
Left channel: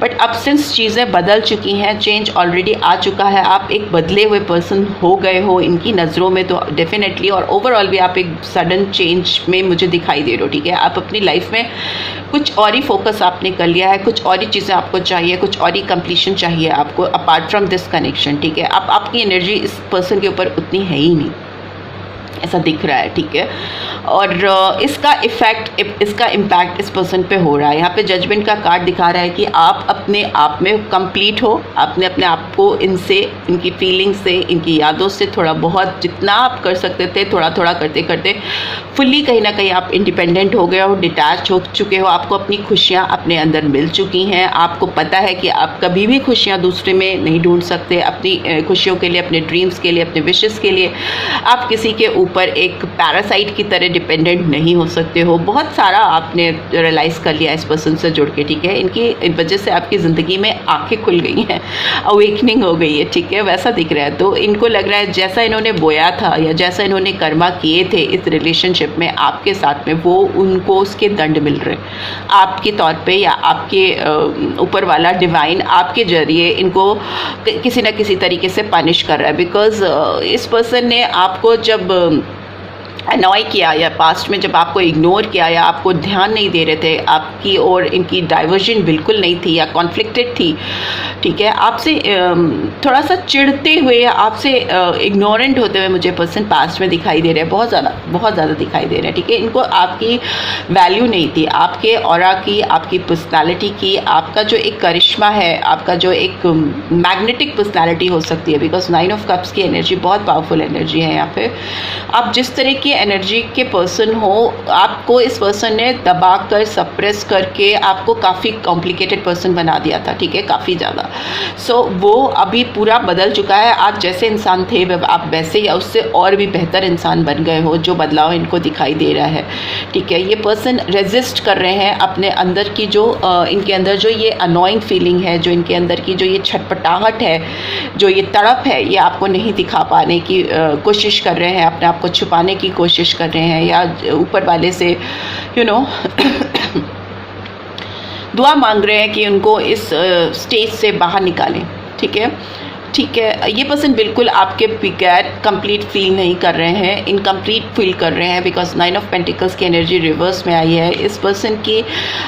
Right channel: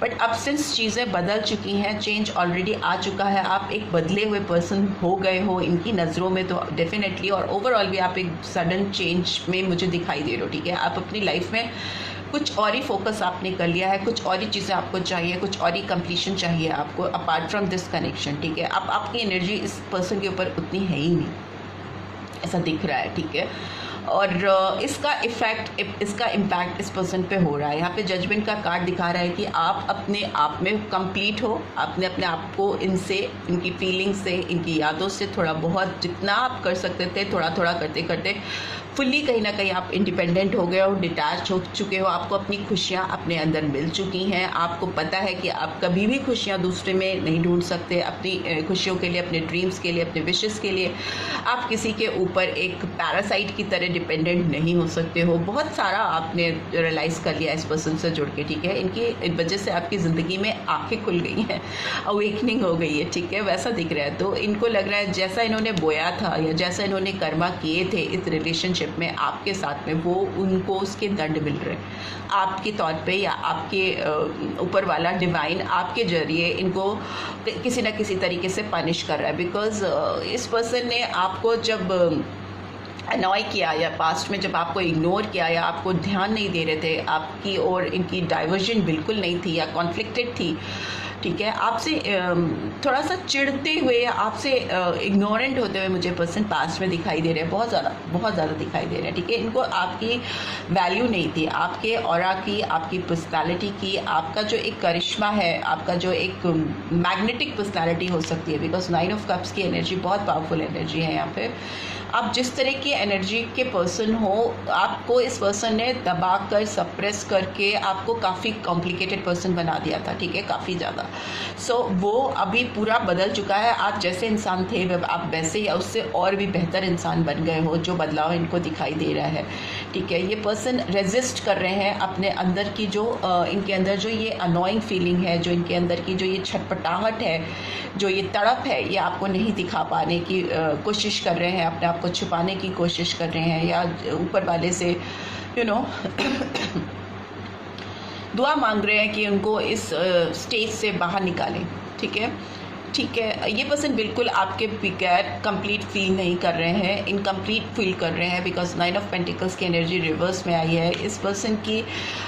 बट अब सिंस चीज़ें बदल चुकी हैं, चेंज ऑलरेडी आ चुका है, आप एक बदले हुए पर्सन हो गए हो इनकी नज़रों में, तो डेफिनेटली और ओवरऑल भी आप एक सडन चेंज में मुझे दिखाई दे रहे हो, ठीक है। आप अपनी लाइफ में कुछ और ही फोकस आपने कर लिया है, कुछ और ही चीज़ें आपको चाहिए, कुछ और ही कंप्लीशन चाहिए आपको अपार्ट फ्रॉम दिस कनेक्शन, ठीक है। अब आपकी एनर्जी इस पर्सन के ऊपर उतनी है ही नहीं, ऐसा दिख रहा है, ठीक है। और इसका इफ़ेक्ट, इसका इम्पैक्ट इस पर्सन पे हो रहा है। यहाँ पे जजमेंट का कार्ड दिखा रहा है कि आप अपने आप में कंप्लीट हो, आपने अपने आप को इनसे, इनकी फीलिंग्स से, इनकी यादों से थोड़ा बहुत जितना आप कर सकते थे थोड़ा थोड़ा करते करते फुल्ली कहीं ना कहीं आप इंडिपेंडेंट हो गए हो, डिटैच हो चुके हो। आपको अपनी खुशियाँ अपने अंदर मिल चुकी हैं। आपको पता है कि आप कभी भी खुशियाँ दूसरे में नहीं ढूंढ सकते। अपनी खुशियों के लिए, अपने ड्रीम्स के लिए, अपने विशेस के लिए आप किसी के ऊपर एक पैरासाइट की तरह डिपेंडेंट नहीं हो सकते हो। बहुत सारा आपने रियलाइज़ कर लिया इस पर्सन से जुड़ के, ठीक है। इनकी वजह से आपकी ज़िंदगी में आंखें खुल गई हैं, अवेकनिंग हो गई है, ठीक है, वैसा दिख रहा है। तो इनको लग रहा है जैसा इन्होंने बोया था या जैसा इन्होंने कर्मा किए थे इस रिलेशनशिप में आपके साथ में, वो उनको उसके दंड मिल रहे आपके तौर पे, या आपके ऊपर वाला डिवाइन आपके जरिए इनको किसी न किसी तरीके से पनिश कर रहा है। बिकॉज इस पर्सन ने आपको जब अनॉय किया या पास्ट में जब आपको इग्नोर किया या आपको ध्यान नहीं दे रहे थे, आपकी और इनकी डाइवर्जन बिल्कुल नहीं थी या कॉन्फ्लिक्टेड थी, ठीक है, आपसे थोड़ा सा चिढ़ते हुए या आपसे इग्नोरेंट होते हुए मुझे पर्सन पास्ट में दिखाई दे रहे हैं, बहुत ज़्यादा दिखाई दे रहे हैं, ठीक है। इनको आपकी वैल्यू नहीं थी, आपके ऑरा की, आपकी पर्सनालिटी की, आपका जो एक करिश्मा है, आपका जो एक मैग्नेटिक पर्सनालिटी हो सकती है। बिकॉज 9 ऑफ कप्स की एनर्जी बहुत पावरफुल एनर्जी है। यहाँ पे आप जिस तरह की एनर्जी के पर्सन हो, आपको इस पर्सन ने दबा कर, सप्रेस करके आपको काफ़ी कॉम्प्लिकेटेड पर्सन बना दिया था, ठीक है, काफ़ी ज़्यादा। सो वो अभी पूरा बदल चुका है। आप जैसे इंसान थे आप वैसे या उससे और भी बेहतर इंसान बन गए हो। जो बदलाव इनको दिखाई दे रहा है, ठीक है। ये पर्सन रेजिस्ट कर रहे हैं अपने अंदर की जो इनके अंदर जो ये अनोइंग फीलिंग है, जो इनके अंदर की जो ये छटपटाहट है, जो ये तड़प है, ये आपको नहीं दिखा पाने की कोशिश कर रहे हैं, अपने आप को छुपाने की कोशिश कर रहे हैं, या ऊपर वाले से दुआ मांग रहे हैं कि उनको इस स्टेज से बाहर निकालें, ठीक है, ठीक है। ये पर्सन बिल्कुल आपके बगैर कंप्लीट फील नहीं कर रहे हैं, इनकम्प्लीट फील कर रहे हैं। बिकॉज 9 ऑफ पेंटिकल्स की एनर्जी रिवर्स में आई है। इस पर्सन की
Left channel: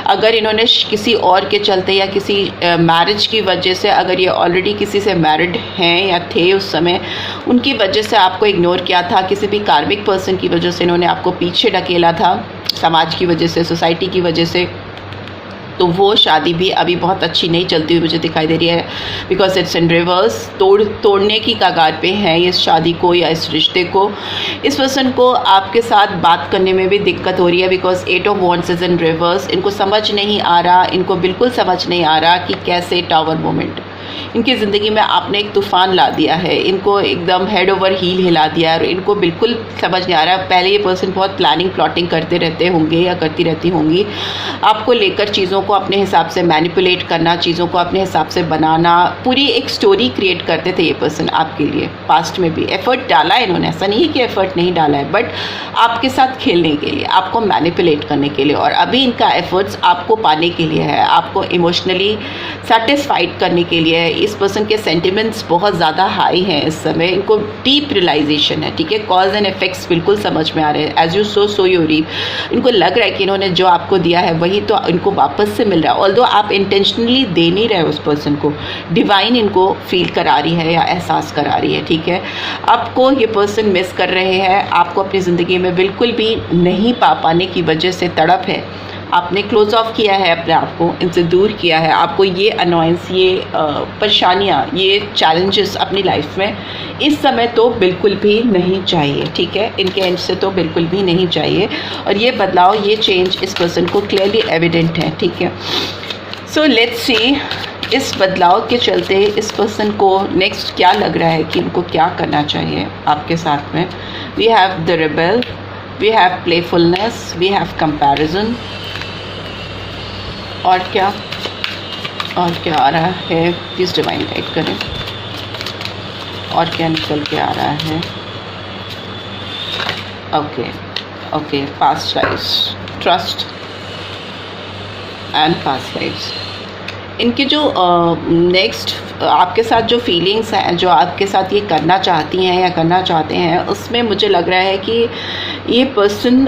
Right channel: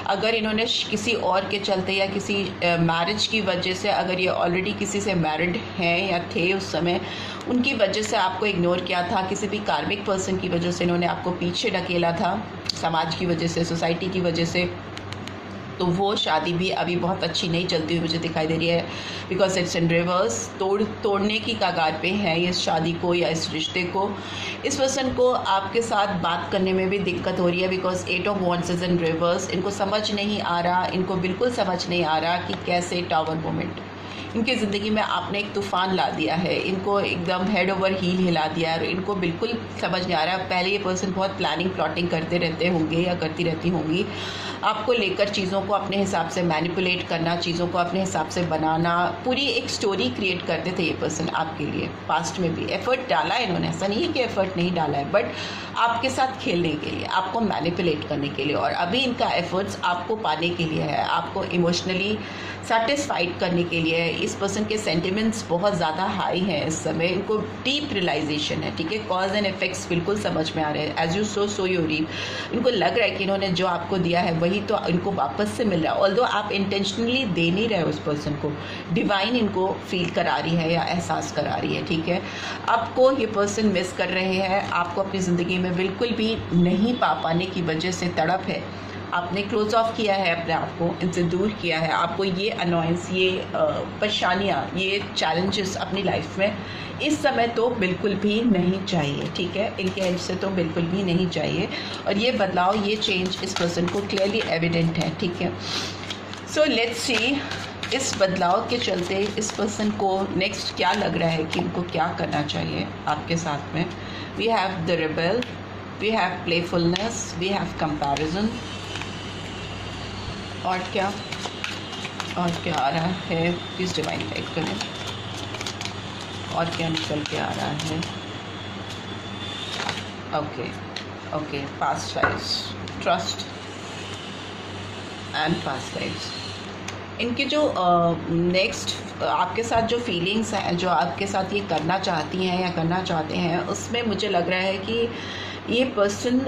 अगर इन्होंने किसी और के चलते या किसी मैरिज की वजह से, अगर ये ऑलरेडी किसी से मैरिड हैं या थे उस समय, उनकी वजह से आपको इग्नोर किया था, किसी भी कार्मिक पर्सन की वजह से इन्होंने आपको पीछे ढकेला था, समाज की वजह से, सोसाइटी की वजह से, तो वो शादी भी अभी बहुत अच्छी नहीं चलती हुई मुझे दिखाई दे रही है। बिकॉज इट्स इन रिवर्स, तोड़ने की कगार पे है इस शादी को या इस रिश्ते को। इस पर्सन को आपके साथ बात करने में भी दिक्कत हो रही है। Because 8 of wands is in reverse. इनको समझ नहीं आ रहा, इनको बिल्कुल समझ नहीं आ रहा कि कैसे टावर मोमेंट, इनकी ज़िंदगी में आपने एक तूफ़ान ला दिया है, इनको एकदम हेड ओवर हील हिला दिया है और इनको बिल्कुल समझ नहीं आ रहा है। पहले ये पर्सन बहुत प्लानिंग प्लॉटिंग करते रहते होंगे या करती रहती होंगी, आपको लेकर चीज़ों को अपने हिसाब से मैनिपुलेट करना, चीज़ों को अपने हिसाब से बनाना, पूरी एक स्टोरी क्रिएट करते थे ये पर्सन आपके लिए। पास्ट में भी एफ़र्ट डाला है इन्होंने, ऐसा नहीं है कि एफ़र्ट नहीं डाला है, बट आपके साथ खेलने के लिए, आपको मैनिपुलेट करने के लिए। और अभी इनका एफर्ट्स आपको पाने के लिए है, आपको इमोशनली सेटिस्फाइड करने के लिए है। इस पर्सन के सेंटिमेंट्स बहुत ज़्यादा हाई हैं इस समय, इनको डीप रियलाइजेशन है, ठीक है। कॉज एंड इफेक्ट्स बिल्कुल समझ में आ रहे हैं। As you sow you reap. इनको लग रहा है कि इन्होंने जो आपको दिया है वही तो इनको वापस से मिल रहा है। ऑल्दो आप इंटेंशनली दे नहीं रहे उस पर्सन को, डिवाइन इनको फील करा रही है या एहसास करा रही है, ठीक है। आपको ये पर्सन मिस कर रहे हैं, आपको अपनी ज़िंदगी में बिल्कुल भी नहीं पाने की वजह से तड़प है। आपने क्लोज ऑफ किया है अपने आप को, इनसे दूर किया है। आपको ये अनोयंस, ये परेशानियाँ, ये चैलेंजेस अपनी लाइफ में इस समय तो बिल्कुल भी नहीं चाहिए, ठीक है। इनके एंड से तो बिल्कुल भी नहीं चाहिए। और ये बदलाव, ये चेंज इस पर्सन को क्लियरली एविडेंट है, ठीक है। सो लेट्स सी इस बदलाव के चलते इस पर्सन को नेक्स्ट क्या लग रहा है कि उनको क्या करना चाहिए आपके साथ में। We have the rebel, we have playfulness, we have comparison. और क्या आ रहा है, प्लीज़ डिवाइन गाइड करें। और क्या निकल के आ रहा है। Okay, past lives, trust and past lives. इनके जो नेक्स्ट आपके साथ जो फीलिंग्स हैं, जो आपके साथ ये करना चाहती हैं या करना चाहते हैं, उसमें मुझे लग रहा है कि ये पर्सन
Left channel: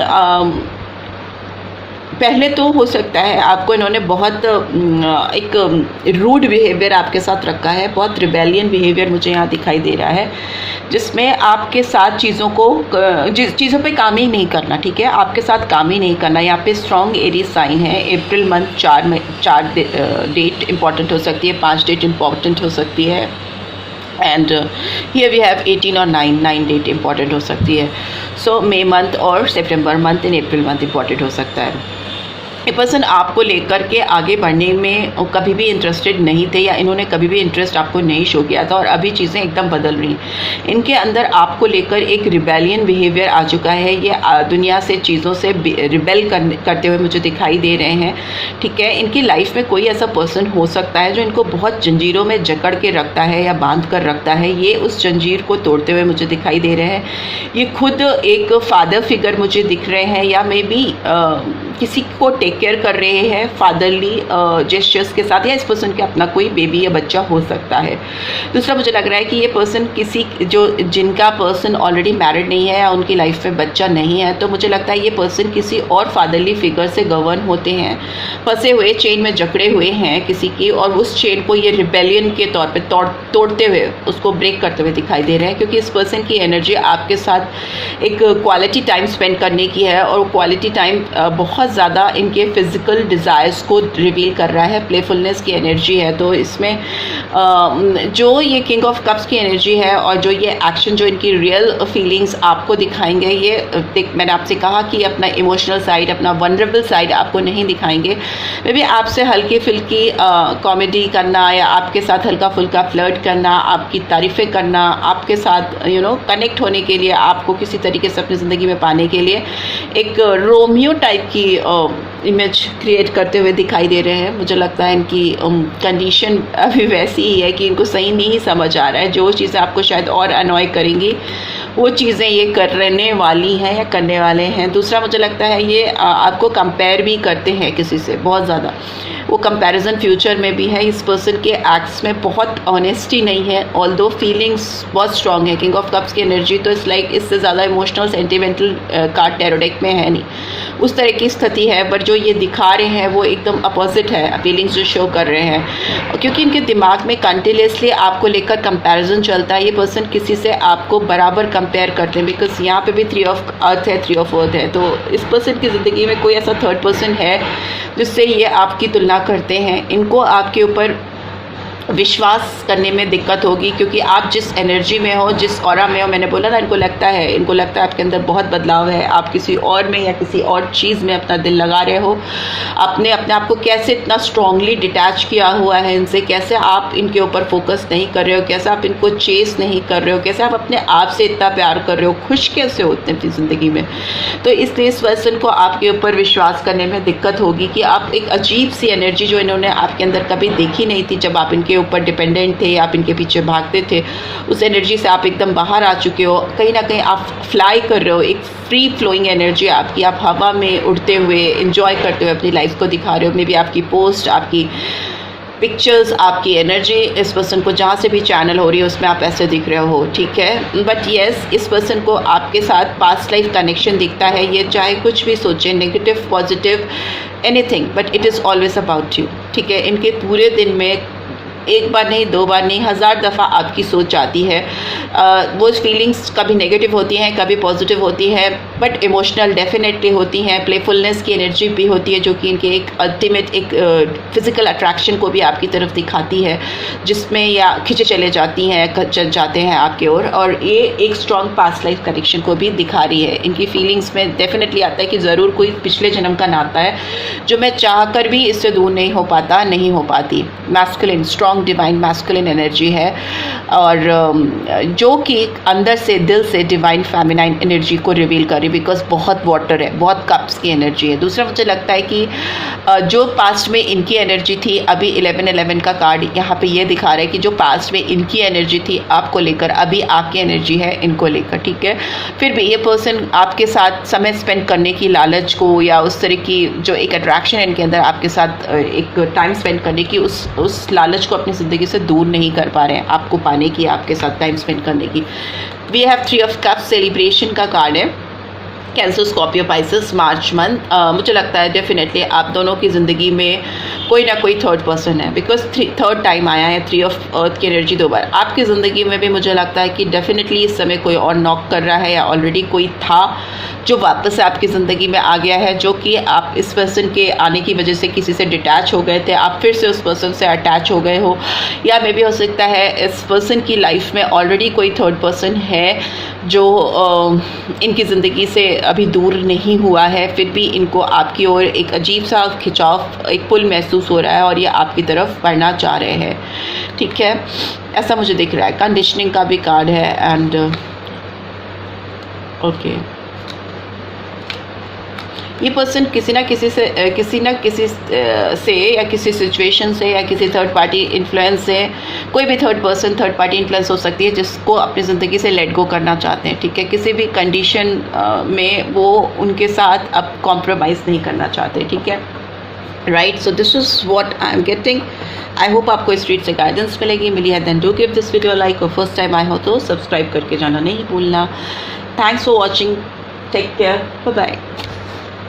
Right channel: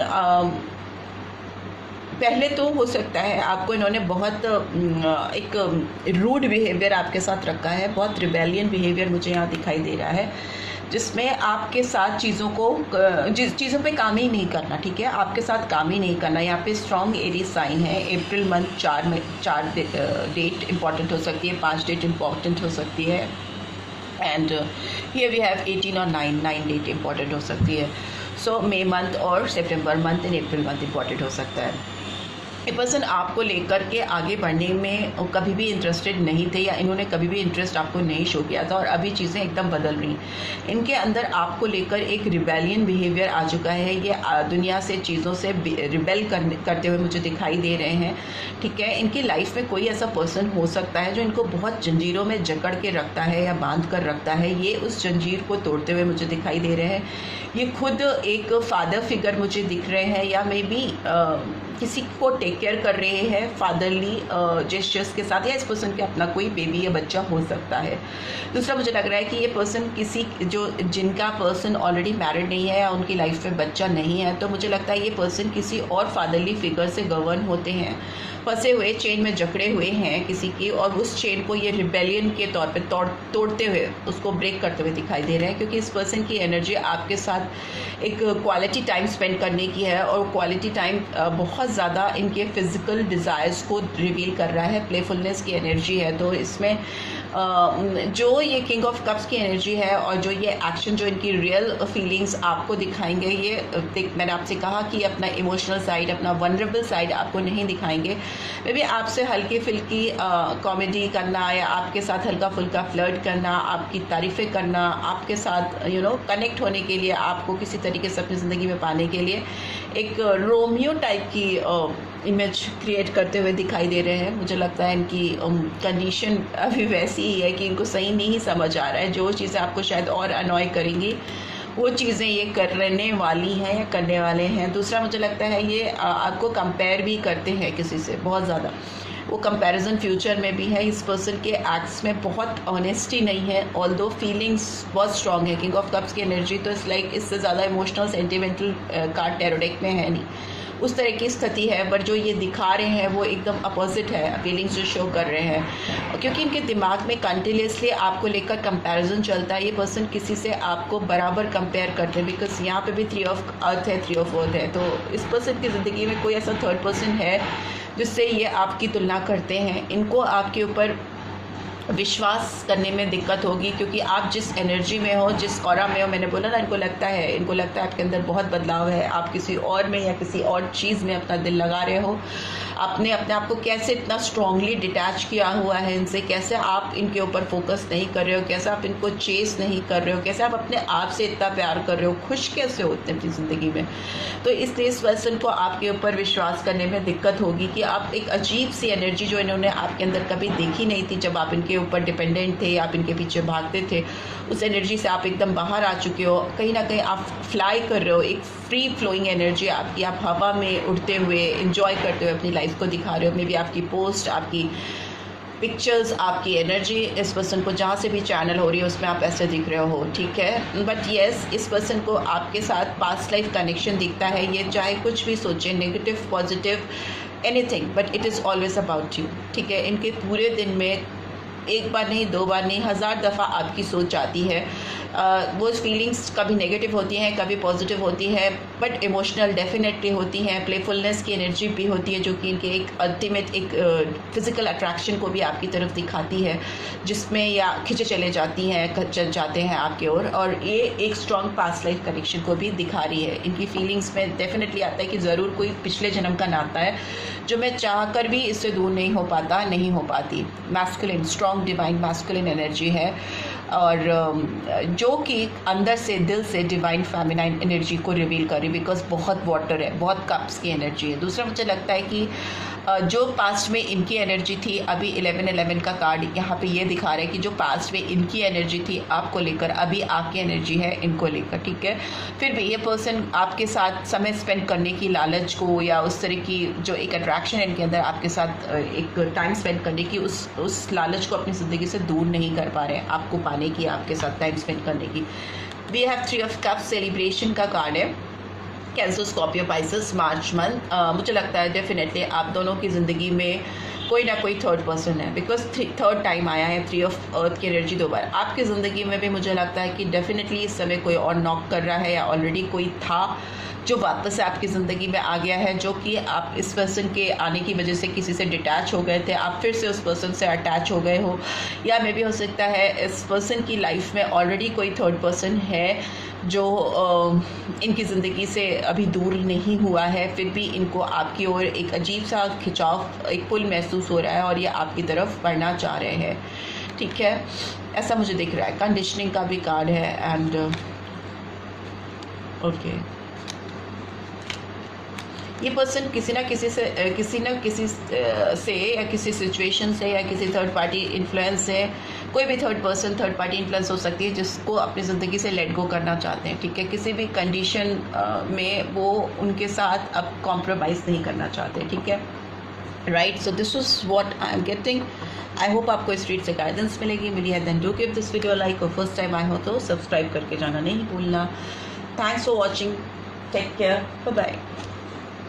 पहले तो हो सकता है आपको इन्होंने बहुत एक रूड बिहेवियर आपके साथ रखा है, बहुत रिबेलियन बिहेवियर मुझे यहाँ दिखाई दे रहा है, जिसमें आपके साथ चीज़ों पे काम ही नहीं करना, ठीक है। आपके साथ काम ही नहीं करना। यहाँ पे स्ट्रॉन्ग एरीज साइन है। अप्रैल मंथ 4 डेट इंपॉर्टेंट हो सकती है, 5 डेट इंपॉर्टेंट हो सकती है। एंड हियर वी हैव 18 और 9 डेट इंपॉर्टेंट हो सकती है। सो मई मंथ और सितंबर month and April month important हो सकता है। ये पर्सन आपको लेकर के आगे बढ़ने में कभी भी इंटरेस्टेड नहीं थे, या इन्होंने कभी भी इंटरेस्ट आपको नहीं शो किया था, और अभी चीज़ें एकदम बदल रही हैं। इनके अंदर आपको लेकर एक रिबेलियन बिहेवियर आ चुका है। ये दुनिया से, चीज़ों से रिबेल करते हुए मुझे दिखाई दे रहे हैं, ठीक है। इनकी लाइफ में कोई ऐसा पर्सन हो सकता है जो इनको बहुत जंजीरों में जकड़ के रखता है या बांध कर रखता है। ये उस जंजीर को तोड़ते हुए मुझे दिखाई दे रहे हैं। ये खुद एक फादर फिगर मुझे दिख रहे हैं, या मे बी किसी को टेक केयर कर रहे हैं फादरली जेस्चर्स के साथ, या इस पर्सन के अपना कोई बेबी या बच्चा हो सकता है। दूसरा, मुझे लग रहा है कि ये पर्सन जिनका पर्सन ऑलरेडी मैरिड नहीं है या उनकी लाइफ में बच्चा नहीं है, तो मुझे लगता है ये पर्सन किसी और फादरली फिगर से गवर्न होते हैं, फंसे हुए, चेन में जकड़े हुए हैं किसी की, और उस चेन को ये रिबेलियन के तौर पे तोड़ते हुए, उसको ब्रेक करते हुए दिखाई दे रहे हैं। क्योंकि इस पर्सन की एनर्जी आपके साथ एक क्वालिटी टाइम स्पेंड करने की है, और क्वालिटी टाइम बहुत ज़्यादा इनके फिजिकल डिज़ायर्स को रिवील कर रहा है। प्लेफुलनेस की एनर्जी है, तो इसमें जो ये किंग ऑफ कप्स की एनर्जी है, और जो ये एक्शन, जो इनकी रियल फीलिंग्स आपको दिखाएंगे, ये मैंने आपसे कहा कि अपना इमोशनल साइड, अपना वनरेबल साइड आपको नहीं दिखाएंगे। मे बी आपसे हल्की फुल्की कॉमेडी करना, या आपके साथ हल्का फुल्का फ्लर्ट करना, आपकी तारीफ़ें करना, आपके साथ कनेक्ट होने के लिए, आपको किसी तरीके से अपनी ज़िंदगी में पाने के लिए एक रोमियो टाइप की इमेज क्रिएट करते हुए दिखाई दे रहे हैं। मुझे लगता है इनकी कंडीशन अभी वैसी ही है कि इनको सही नहीं समझ आ रहा है। जो चीज़ें आपको शायद और अनॉय करेंगी, वो चीज़ें ये करने वाली हैं या करने वाले हैं। दूसरा, मुझे लगता है ये आपको कंपेयर भी करते हैं किसी से बहुत ज़्यादा। वो कंपैरिजन फ्यूचर में भी है। इस पर्सन के एक्ट्स में बहुत ऑनेस्टी नहीं है, ऑल्दो फीलिंग्स बहुत स्ट्रॉन्ग है। किंग ऑफ कप्स की एनर्जी तो इस लाइक इससे ज़्यादा emotional sentimental card tarot deck में है नहीं, उस तरह की स्थिति है। पर जो ये दिखा रहे हैं वो एकदम अपोजिट है, फीलिंग्स जो शो कर रहे हैं, क्योंकि इनके दिमाग में कंटिन्यूसली आपको लेकर कंपैरिजन चलता है। ये पर्सन किसी से आपको बराबर कंपेयर करते हैं, बिकॉज यहाँ पे भी 3 ऑफ अर्थ है, 3 ऑफ अर्थ है। तो इस पर्सन की ज़िंदगी में कोई ऐसा थर्ड पर्सन है जिससे ये आपकी तुलना करते हैं। इनको आपके ऊपर विश्वास करने में दिक्कत होगी, क्योंकि आप जिस एनर्जी में हो, जिस ऑरा में हो, मैंने बोला ना, इनको लगता है आपके अंदर बहुत बदलाव है, आप किसी और में या किसी और चीज़ में अपना दिल लगा रहे हो, अपने आप को कैसे इतना स्ट्रांगली डिटैच किया हुआ है इनसे, कैसे आप इनके ऊपर फोकस नहीं कर रहे हो, कैसे आप इनको चेस नहीं कर रहे हो, कैसे आप अपने आप से इतना प्यार कर रहे हो, खुश कैसे होते हैं अपनी ज़िंदगी में। तो इसलिए इस पर्सन को आपके ऊपर विश्वास करने में दिक्कत होगी कि आप एक अजीब सी एनर्जी जो इन्होंने आपके अंदर कभी देखी नहीं थी, जब आप इनके ऊपर डिपेंडेंट थे, आप इनके पीछे भागते थे, उस एनर्जी से आप एकदम बाहर आ चुके हो। कहीं ना कहीं आप फ्लाई कर रहे हो, एक फ्री फ्लोइंग एनर्जी आपकी, आप हवा में उड़ते हुए एंजॉय करते हुए अपनी लाइफ को दिखा रहे हो। मे बी आपकी पोस्ट, आपकी पिक्चर्स, आपकी एनर्जी इस पर्सन को जहाँ से भी चैनल हो रही है उसमें आप ऐसे दिख रहे हो, ठीक है। बट येस, इस पर्सन को आपके साथ पास्ट लाइफ कनेक्शन दिखता है। ये चाहे कुछ भी सोचे, negative positive anything, but it is always about you, ठीक है। इनके पूरे दिन में एक बार नहीं, दो बार नहीं, 1000 दफ़ा आपकी सोच आती है। वो फीलिंग्स कभी नेगेटिव होती हैं, कभी पॉजिटिव होती है, बट इमोशनल डेफिनेटली होती हैं। प्लेफुलनेस की एनर्जी भी होती है, जो कि इनके एक अल्टीमेट एक फिज़िकल अट्रैक्शन को भी आपकी तरफ दिखाती है, जिसमें या खिंचे चले जाती हैं, जाते हैं आपके ओर। और ये एक स्ट्रॉन्ग पास्ट लाइफ कनेक्शन को भी दिखा रही है। इनकी फीलिंग्स में डेफिनेटली आता है कि ज़रूर कोई पिछले जन्म का नाता है, जो मैं चाह कर भी इससे दूर नहीं हो पाता, नहीं हो पाती। Masculine, strong divine masculine energy है, और जो कि अंदर से, दिल से डिवाइन फेमिनाइन एनर्जी को रिवील कर रही, बिकॉज बहुत वाटर है, बहुत कप्स की एनर्जी है। दूसरा मुझे लगता है कि जो पास्ट में इनकी एनर्जी थी, अभी 1111 का कार्ड यहाँ पे ये दिखा रहा है कि जो पास्ट में इनकी एनर्जी थी आपको लेकर, अभी आपकी एनर्जी है इनको लेकर, ठीक है। फिर भी ये पर्सन आपके साथ समय स्पेंड करने की लालच को, या उस तरह की जो एक अट्रैक्शन है इनके अंदर आपके साथ एक टाइम स्पेंड करने की, उस लालच को अपनी ज़िंदगी से दूर नहीं कर पा रहे हैं, आपको पाने की, आपके साथ टाइम स्पेंड करने की। We have 3 of cups, celebration का कार्ड है। Cancer, Scorpio, Pisces, March month. मुझे लगता है डेफिनेटली आप दोनों की ज़िंदगी में कोई ना कोई थर्ड पर्सन है, बिकॉज थर्ड टाइम आया है 3 ऑफ अर्थ की एनर्जी 2 बार। आपकी ज़िंदगी में भी मुझे लगता है कि डेफिनेटली इस समय कोई और नॉक कर रहा है, या ऑलरेडी कोई था जो वापस से आपकी ज़िंदगी में आ गया है, जो कि आप इस पर्सन के आने की वजह से किसी से डिटैच हो गए थे, आप फिर से उस पर्सन से अटैच हो गए हो। या मे भी हो सकता है इस पर्सन की लाइफ में ऑलरेडी कोई थर्ड पर्सन है जो इनकी ज़िंदगी से अभी दूर नहीं हुआ है, फिर भी इनको आपकी ओर एक अजीब सा खिंचाव, एक पुल महसूस हो रहा है, और ये आपकी तरफ बढ़ना चाह रहे हैं, ठीक है। ऐसा मुझे दिख रहा है। कंडीशनिंग का भी कार्ड है, एंड ओके, ये पर्सन किसी ना किसी से या किसी सिचुएशन से, या किसी थर्ड पार्टी इन्फ्लुएंस से, कोई भी third person, third party influence हो सकती है, जिसको अपनी ज़िंदगी से लेट गो करना चाहते हैं, ठीक है। किसी भी कंडीशन में वो उनके साथ अब कॉम्प्रोमाइज़ नहीं करना चाहते, ठीक है, right. So this is what I am getting. I hope आपको इस रीड से गाइडेंस मिली है। Then do give this video like, और फर्स्ट टाइम आए हो तो सब्सक्राइब करके जाना नहीं भूलना। Thanks for watching, take care, bye bye.